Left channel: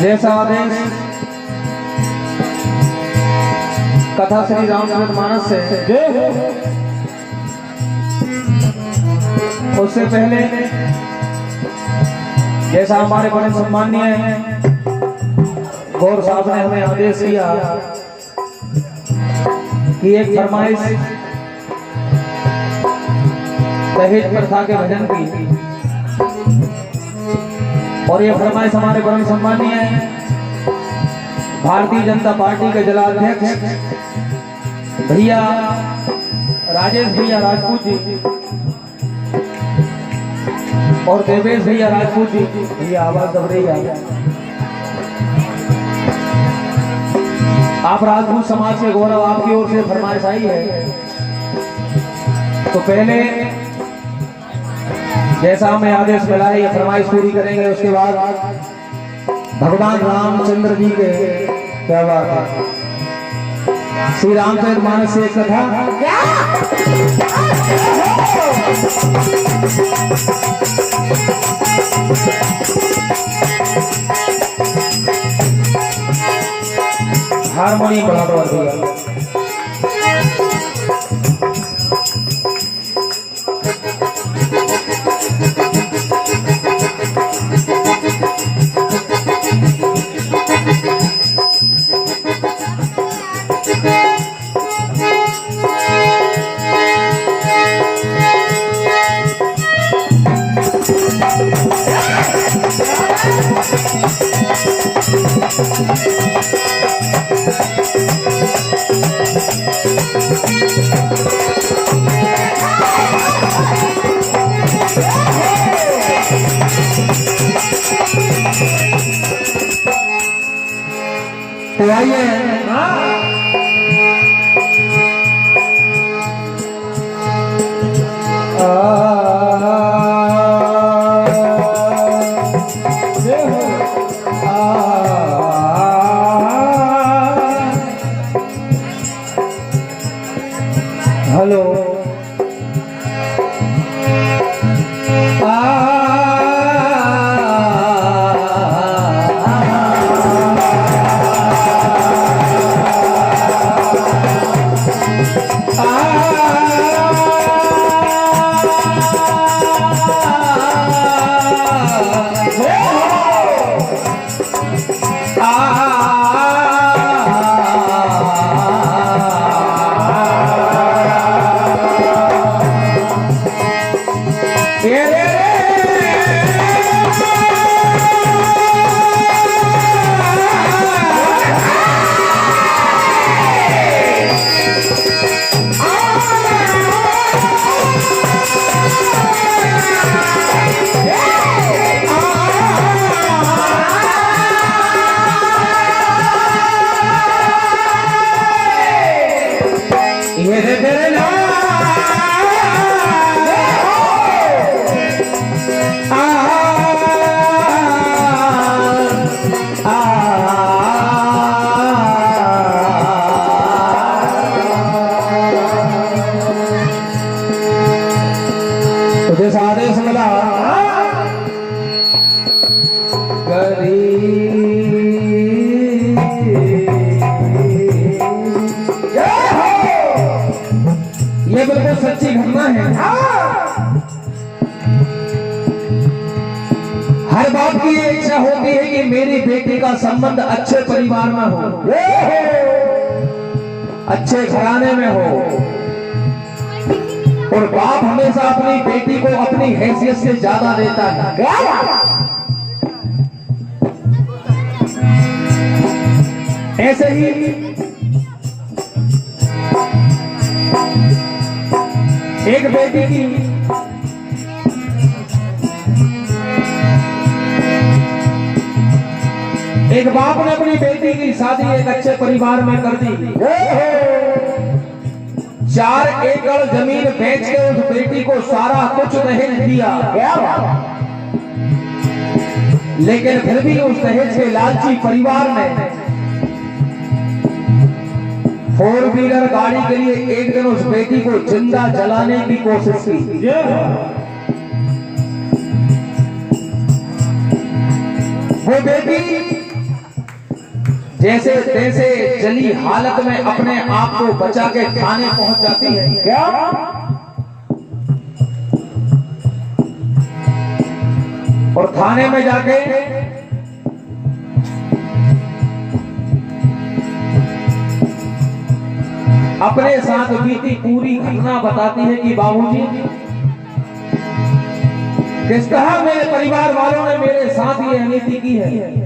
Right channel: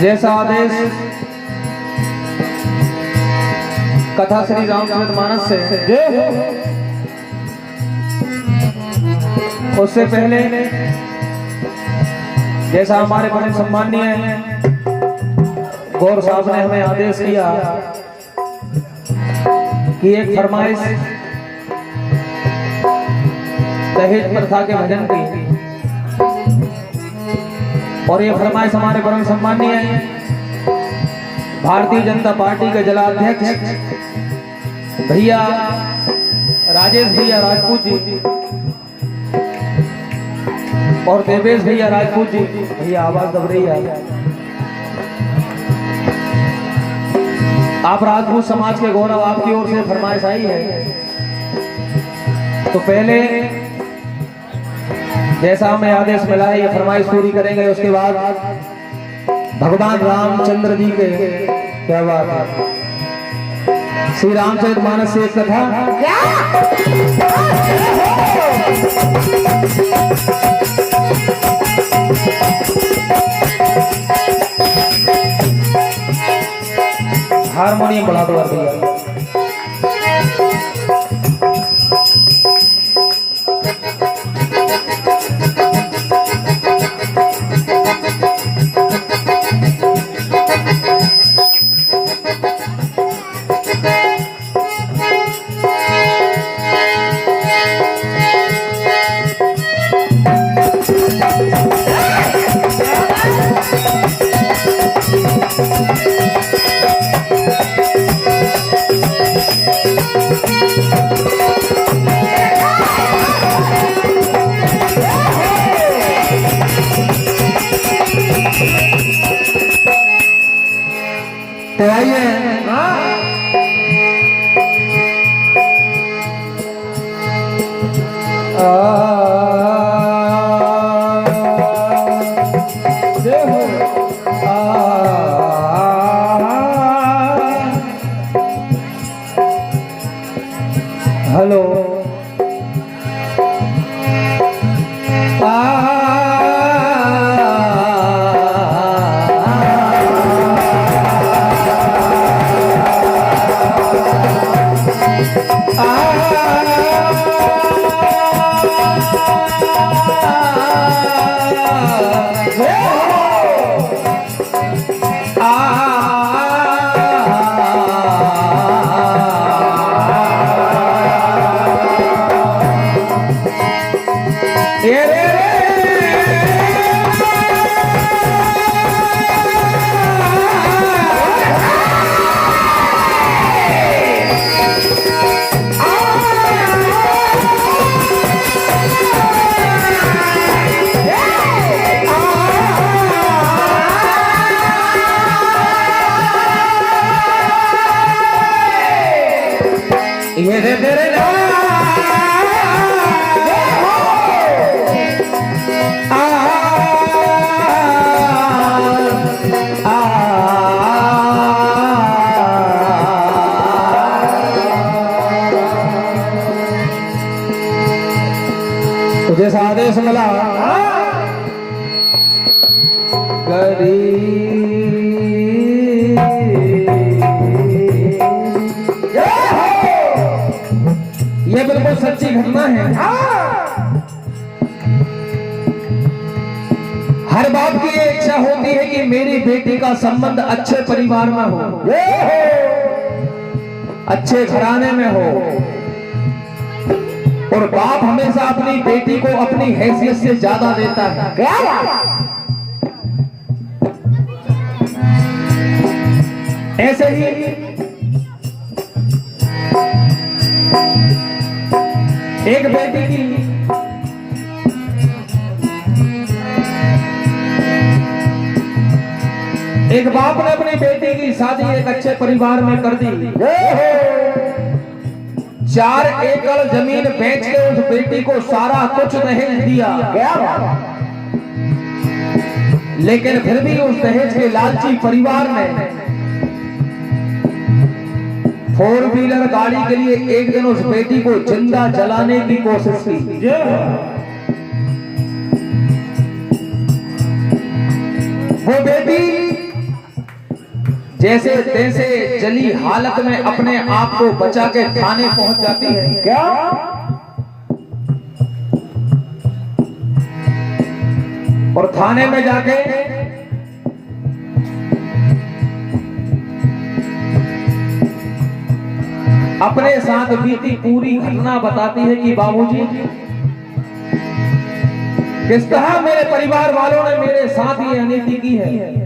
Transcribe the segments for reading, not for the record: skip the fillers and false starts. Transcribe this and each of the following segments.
जैसा आदेश कथा श्री रामचरितमानस से उससे पहले जैसा हमारे बड़े सम्माननीय गौर साहब ने हमें आदेश दिया कि एक फरमाइश दहेज प्रथा के भजन की, और ये फरमाइश हमारे बड़े सम्माननीय भारतीय जनता पार्टी के जिला अध्यक्ष भैया राजेश भैया राजपूत जी और देवेश भैया राजपूत जी, भैया आवाज दब रही है। आप राजपूत समाज के गौरव, आपकी ओर से फरमाइश आई है, तो पहले जैसा हमें आदेश मिला है ये फरमाइश पूरी करेंगे। उसके बाद भगवान रामचंद्र जी के क्या बात है, श्री रामचरितमानस से एक कथा। हारमोनियम बढ़ा दो दिया। ये रे तेरे नाम जैसा आदेश मिला ये बिल्कुल सच्ची घटना है। हर बाप की ये इच्छा होती है कि मेरी बेटी का संबंध अच्छे परिवार में हो, अच्छे घराने में हो, और बाप हमेशा अपनी बेटी को अपनी हैसियत से ज्यादा देता है। ऐसे ही एक बेटी की एक बाप ने अपनी बेटी की शादी एक अच्छे परिवार में कर दी। 4 एकड़ जमीन बेच के उस बेटी को सारा कुछ दहेज दिया, लेकिन फिर भी उस दहेज के लालची परिवार ने 4 व्हीलर गाड़ी के लिए एक दिन उस बेटी को जिंदा जलाने की कोशिश की। वो बेटी जैसे तैसे जली हालत में अपने आप को बचा के थाने पहुंच जाती है। क्या और थाने में जाके अपने साथ बीती पूरी घटना बताती है कि बाबूजी, किस तरह मेरे परिवार वालों ने मेरे साथ ये अनीति की है।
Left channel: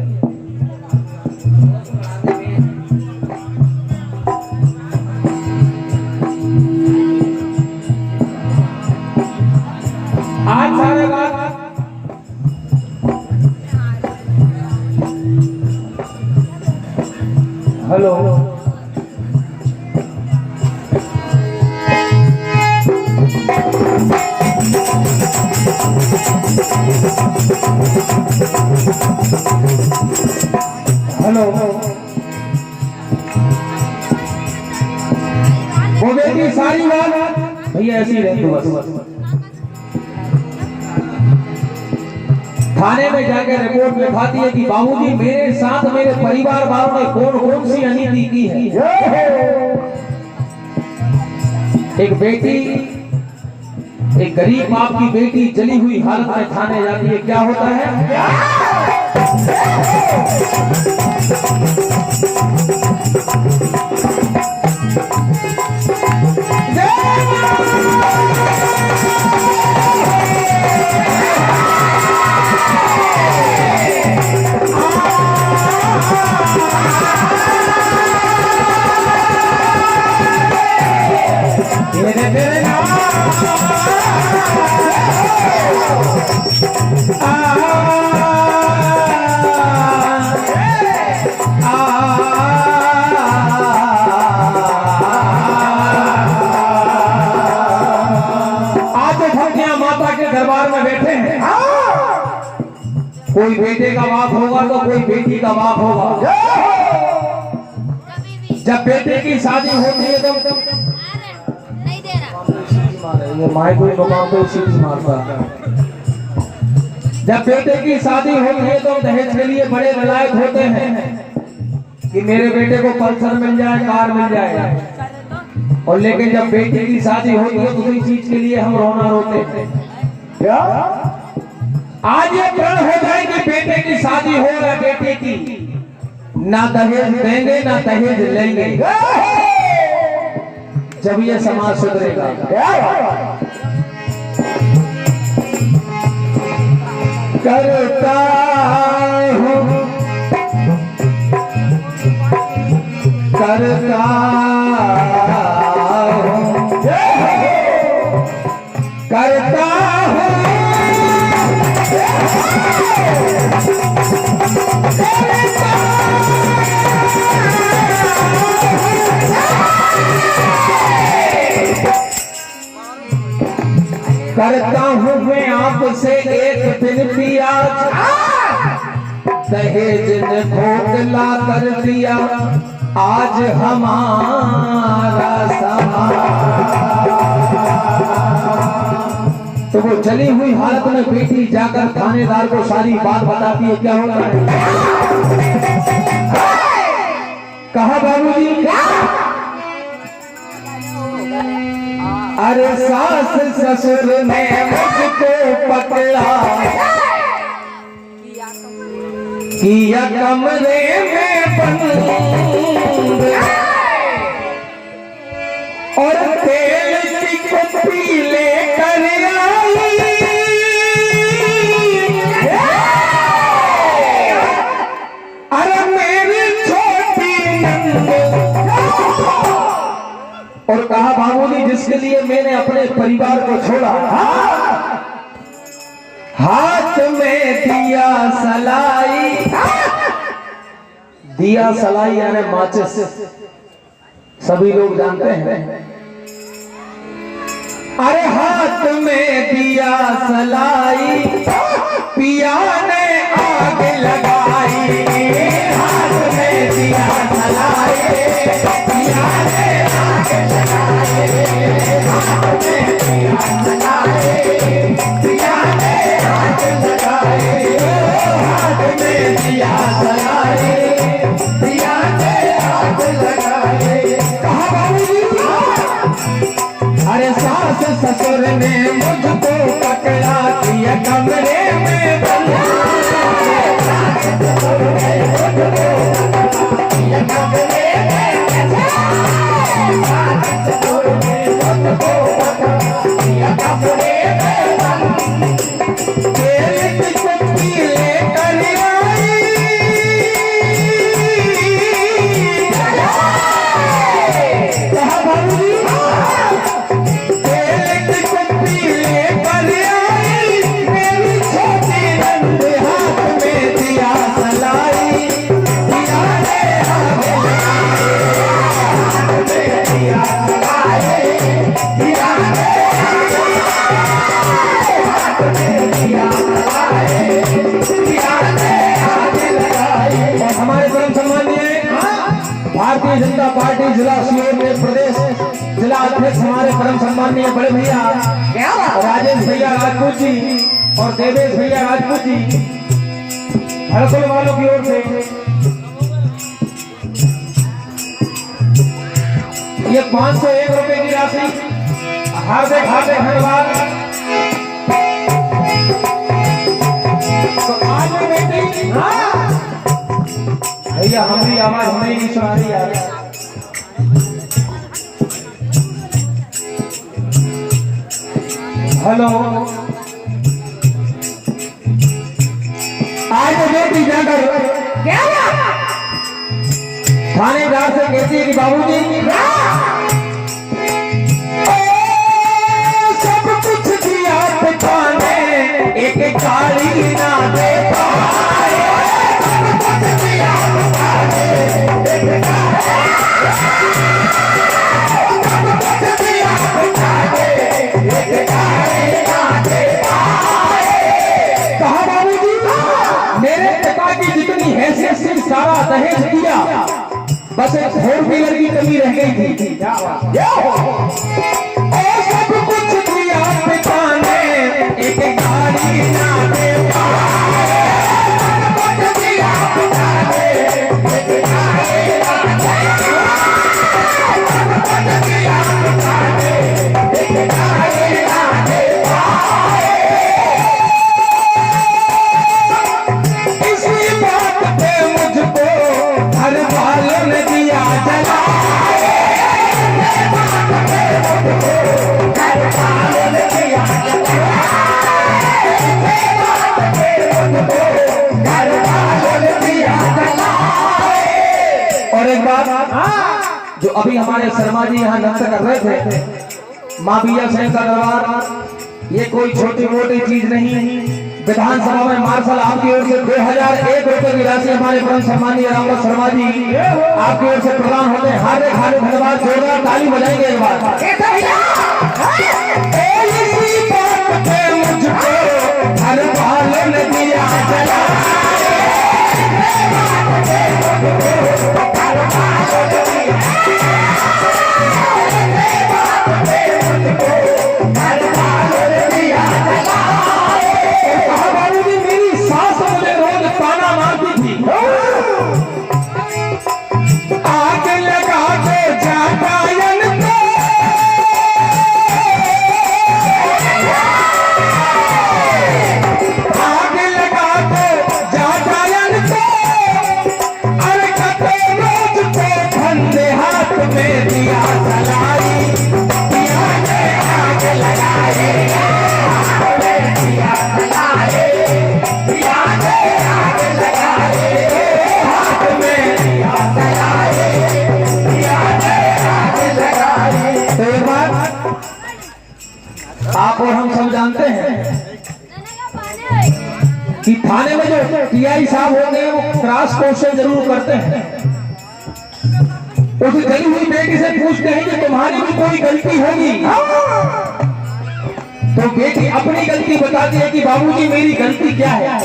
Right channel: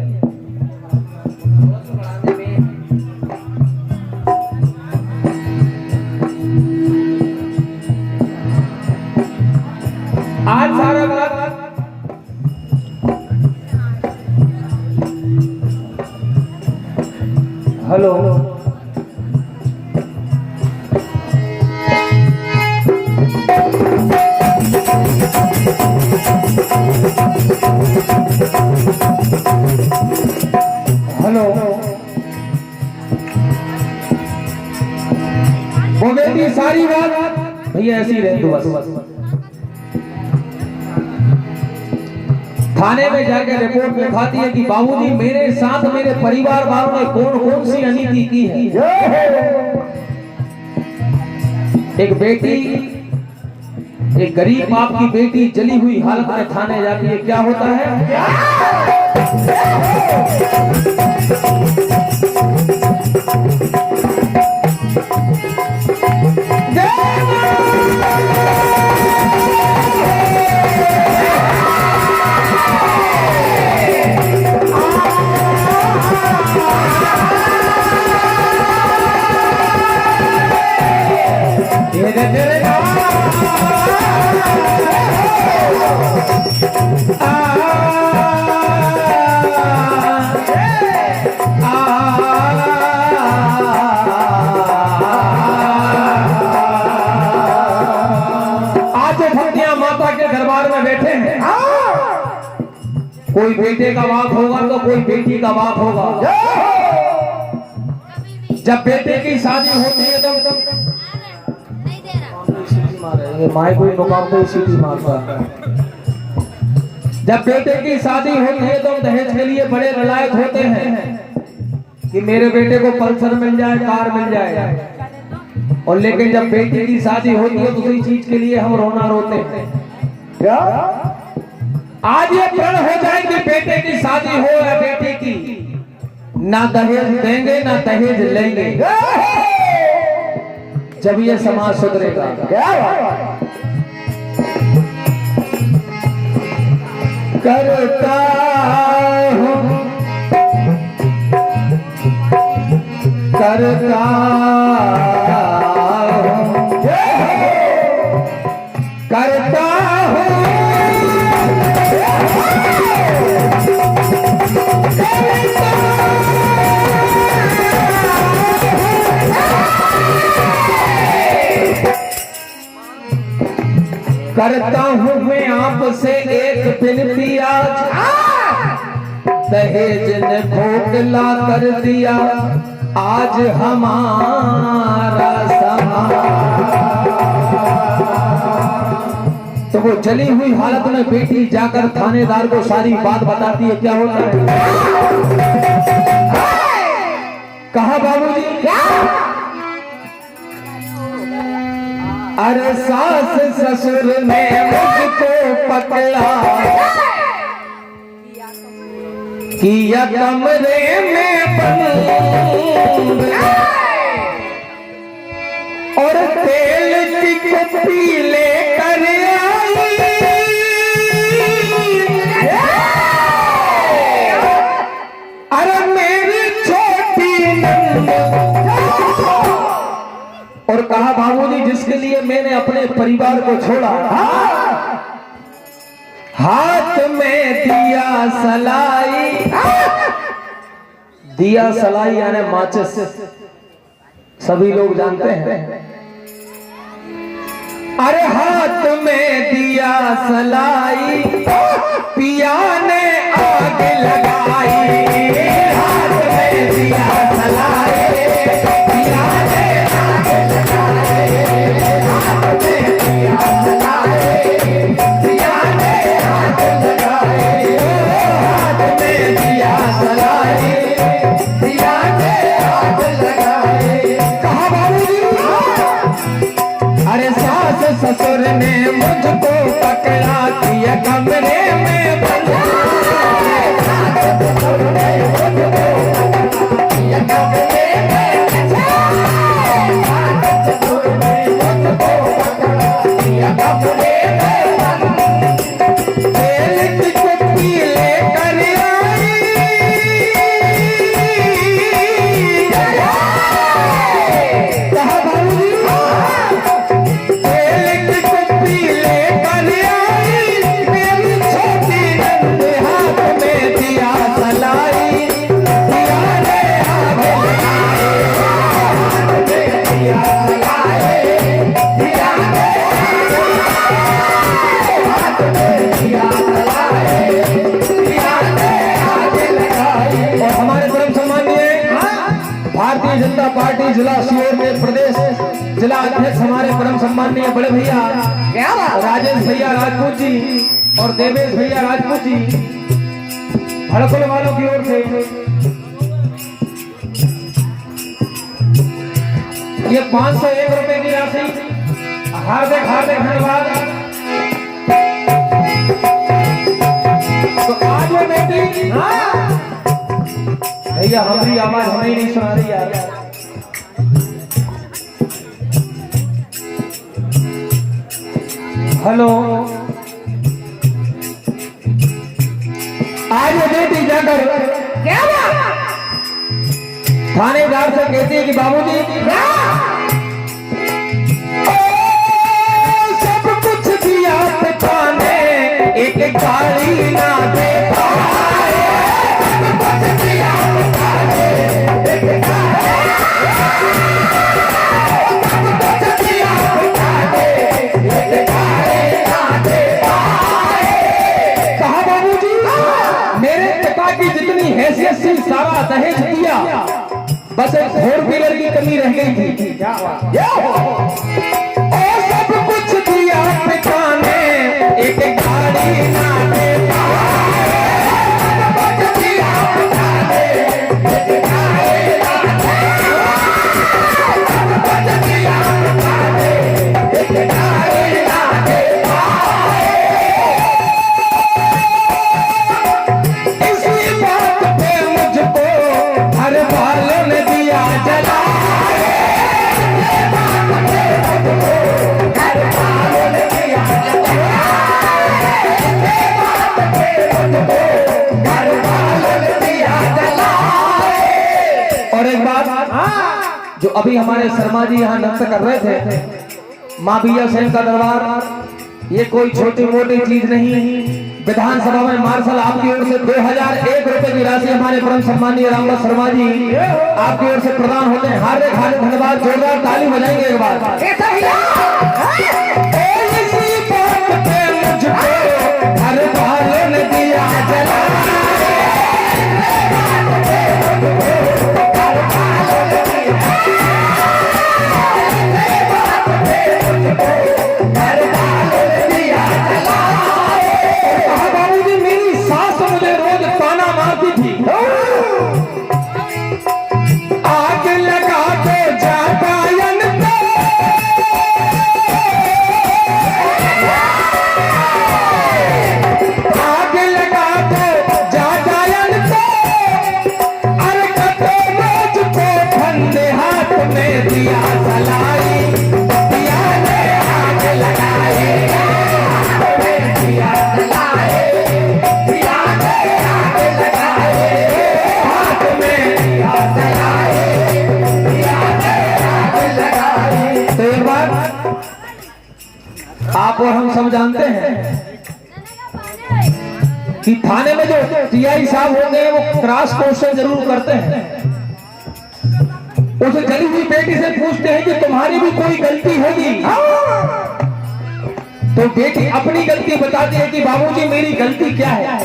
आज सारे बात हेलो हेलो वो बेटी सारी बात भैया ऐसी रहती बस। थाने में जाकर रिपोर्ट लिखाती है कि बाबूजी, मेरे साथ मेरे परिवार वालों ने कौन कौन सी अनीति की है। एक बेटी, एक गरीब बाप की बेटी जली हुई हालत में थाने जाती है। क्या होता है? कोई बेटे का बाप होगा तो कोई बेटी का बाप होगा। जब बेटे की शादी होती है तो ये माई कोई मकाम को सीटी मारता है। जब बेटे की शादी होती है तो दहेज के लिए बड़े नलायक होते हैं कि मेरे बेटे को पल्सर मिल जाए, कार मिल जाए। और लेकिन जब बेटी की शादी होती है तो उसी चीज के लिए हम रोना रोते हैं। क्या आज ये प्रण हो जाए कि बेटे की शादी हो या बेटे की, ना दहेज देंगे ना दहेज लेंगे, जब ये समाज सुधरेगा। करता हूँ करता हूँ करता हूँ करता हूँ मैं आपसे एक विनती आज, दहेज ने खोखला कर दिया आज हमारा तो वो जली हुई हालत में बेटी जाकर थानेदार को सारी बात बताती है। क्या होता है? कहा बाबूजी? अरे सास ससुर ने मुझको पकड़ा किया कमरे में बंद और तेल की कुप्पी लेकर और कहा बाबूजी जिसके लिए मैंने अपने परिवार को छोड़ा, हाथ में दिया सलाई, दिया सलाई यानी माचिस, सभी लोग जानते हैं। अरे हाथ में दिया सलाई पिया ने आग लगाई, हाथ में दिया सलाई पिया ने आग लगाई, हाथ में दिया सलाई पिया ने आग लगाई, हाथ में दिया सलाई पिया ने आग लगाई। कहा बाबूजी? अरे सास ससुर ने मुझको पकड़ा किया कमरे में बंद, जनता पार्टी जिला सीहोर में प्रदेश जिला अध्यक्ष हमारे परम सम्माननीय बड़े भैया राजेश भैया राजपूत जी और देवेश भैया राजपूत जी हड़सोल वालों की ओर से ये 501 रुपए की राशि हार्दिक हार्दिक धन्यवाद। तो आज वो बेटी भैया हमारी आवाज हमें नहीं सुना रही यार। हेलो, आज वो बेटी जाकर थानेदार से कहती है कि बाबूजी सब कुछ दिया पिता ने एक गाड़ी ना दे पाए, सब कुछ दिया पिता ने एक हैसियत से सारा दहेज दिया, बस एक 4 व्हीलर की कमी रह गई थी। सब कुछ दिया पिता ने एक गाड़ी ना दे पाए, दिया पिता ने एक गाड़ी ना दे पाए, दिया पिता ने एक गाड़ी ना दे पाए। इसी बात पे मुझको हर वालों ने दिया जला, और एक बात जो अभी हमारे शर्मा जी यहाँ नृत्य कर रहे थे, माँ बिया सिंह का दरबार, ये कोई छोटी मोटी चीज नहीं। विधानसभा में मार्शल आपकी ओर से 2001 रुपए की राशि हमारे परम सम्मानीय रामदास शर्मा जी आपकी ओर से प्रदान होते हैं। हार्दिक हार्दिक धन्यवाद, जोरदार ताली बजाएंगे एक बार। में दिया जलाई, पिया ने आग लगाई, हाथ में दिया जलाई, पिया ने आग लगाई, हाथ में दिया जलाई, पिया ने आग लगाई। तो ये बात आप और हम सब जानते हैं कि थाने में जो टीआई साहब होते हैं वो क्रॉस क्वेश्चन जरूर करते हैं। उस गई हुई बेटी से पूछते हैं कि तुम्हारी भी कोई गलती होगी, तो बेटी अपनी गलती बताती है कि बाबूजी मेरी गलती क्या है।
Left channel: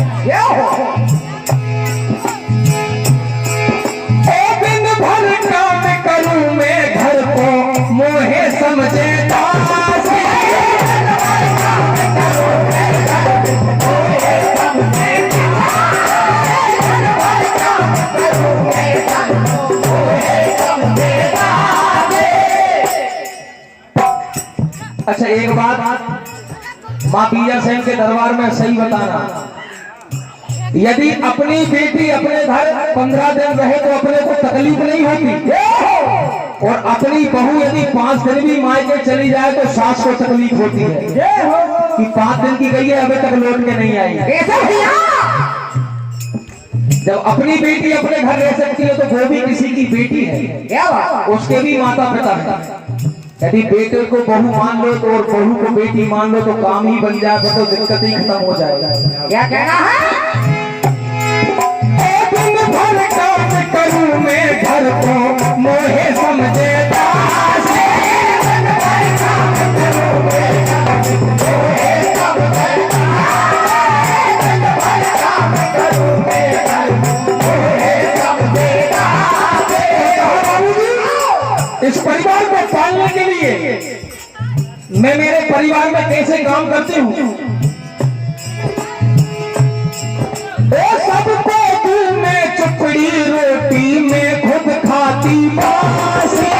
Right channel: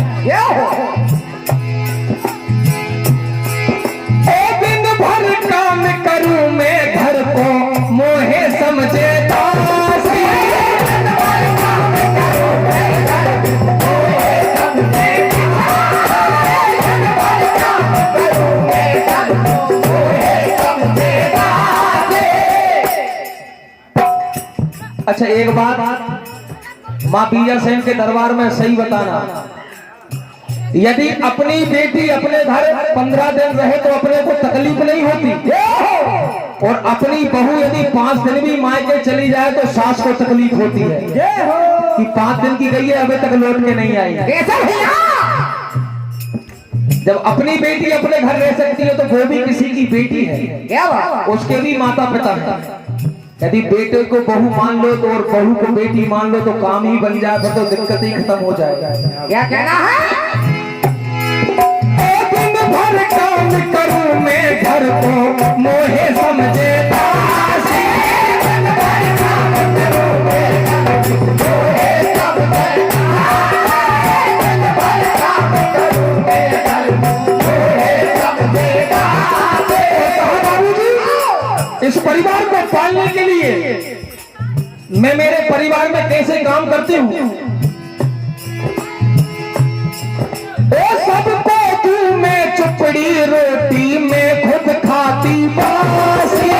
एक दिन भर काम करूं मैं घर को मोहे समझे दासी, अच्छा एक बात माँ बीजा सेन के दरबार में सही बताना, यदि अपनी बेटी अपने घर 15 दिन रहे तो अपने को तकलीफ नहीं होती, और अपनी बहू यदि 5 दिन भी मायके चली जाए तो सास को तकलीफ होती है कि 5 दिन की गई है अभी तक लौट के नहीं आई। जब अपनी बेटी अपने घर रह सकती है तो वो भी किसी की बेटी है, उसके भी माता पिता है। यदि बेटे को बहू मान लो तो और बहू को बेटी मान लो तो काम ही बन जाए, तो दिक्कत ही खत्म हो जाएगा। क्या कहना है? दिन भर काम करूं मैं घर को मोहे समझे दासी, इस परिवार को पालने के लिए मैं मेरे परिवार में कैसे काम करती हूँ। सबको तू मैं चपड़ी रोटी में खुद खाती बासी,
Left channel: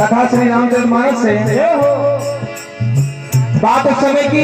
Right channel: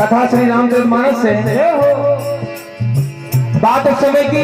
तथा श्री रामचरितमानस से बात उस समय की